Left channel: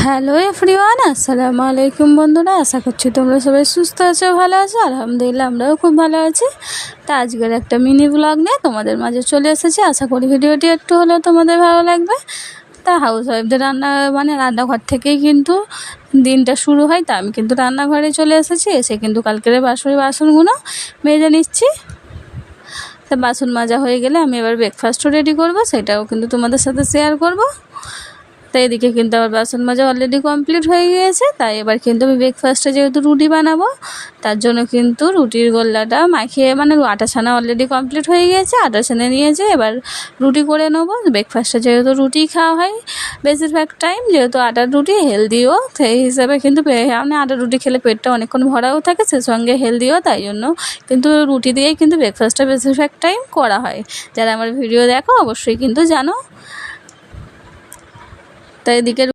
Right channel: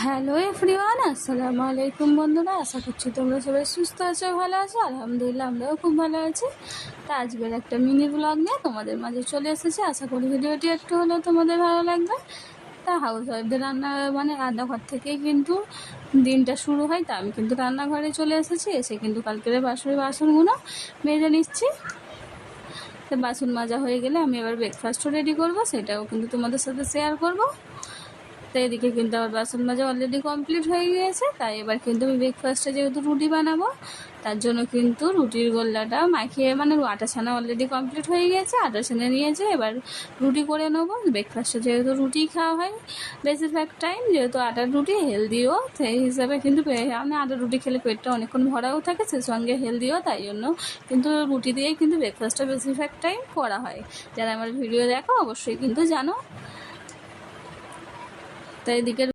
Hello everyone, আসসালামু আলাইকুম বন্ধুরা। আশা করছি তোমরা সবাই সুস্থ আছো, ভালো আছো। আলহামদুলিল্লাহ আমরাও খুব ভালো আছি। তা আজকের একটা মিনি ব্লগ নিয়ে তোমাদের মাঝে চলে এসেছি। আশা করি ভিডিওটি একটু হলেও তোমাদের ভালো লাগবে। তা হাউস ওয়াইফদের রান্নাঘর থেকেই কিন্তু দিনটা শুরু হয়। তা আমি কিন্তু রান্নাঘরে চলে এসেছি। এসে কিন্তু কালকের বাসনগুলো মেজে নিচ্ছি। তা বাসন মাজা হয়ে গেলে আমি এবার ব্রেকফাস্টও রেডি করব, সেটাও কিন্তু তোমাদের সাথে শেয়ার করব। তাই এদিকে কিন্তু আমার বাসন মাজা অলরেডি কমপ্লিট হয়ে গিয়েছে। তাই এবার কিন্তু আমি ব্রেকফাস্টে যেহেতু রুটি বানাবো, তার জন্য কিন্তু রুটির গোল্লাটা মাখিয়ে আটা ছানা অলরেডি কমপ্লিট হয়ে গিয়েছে। আটা ছানা নিয়েছে, এবার রুটি করে নেবো। ব্রেকফাস্টে যেহেতু রুটি খাওয়া হয় বেশিরভাগ টাইম, যেহেতু আটার রুটি হেলদিও, সেই হিসাবে কিন্তু আটার রুটি খেলে পেটটা অনেকক্ষণ ভরাও থাকে, সে সঙ্গে হেলদিও। তাই জন্য কিন্তু রুটি দিয়েই কিন্তু ব্রেকফাস্টটা বেশিরভাগ টাইম করা হয়। যারা আমার ভিডিও দেখো অবশ্যই কিন্তু জানো। তাই এদিকে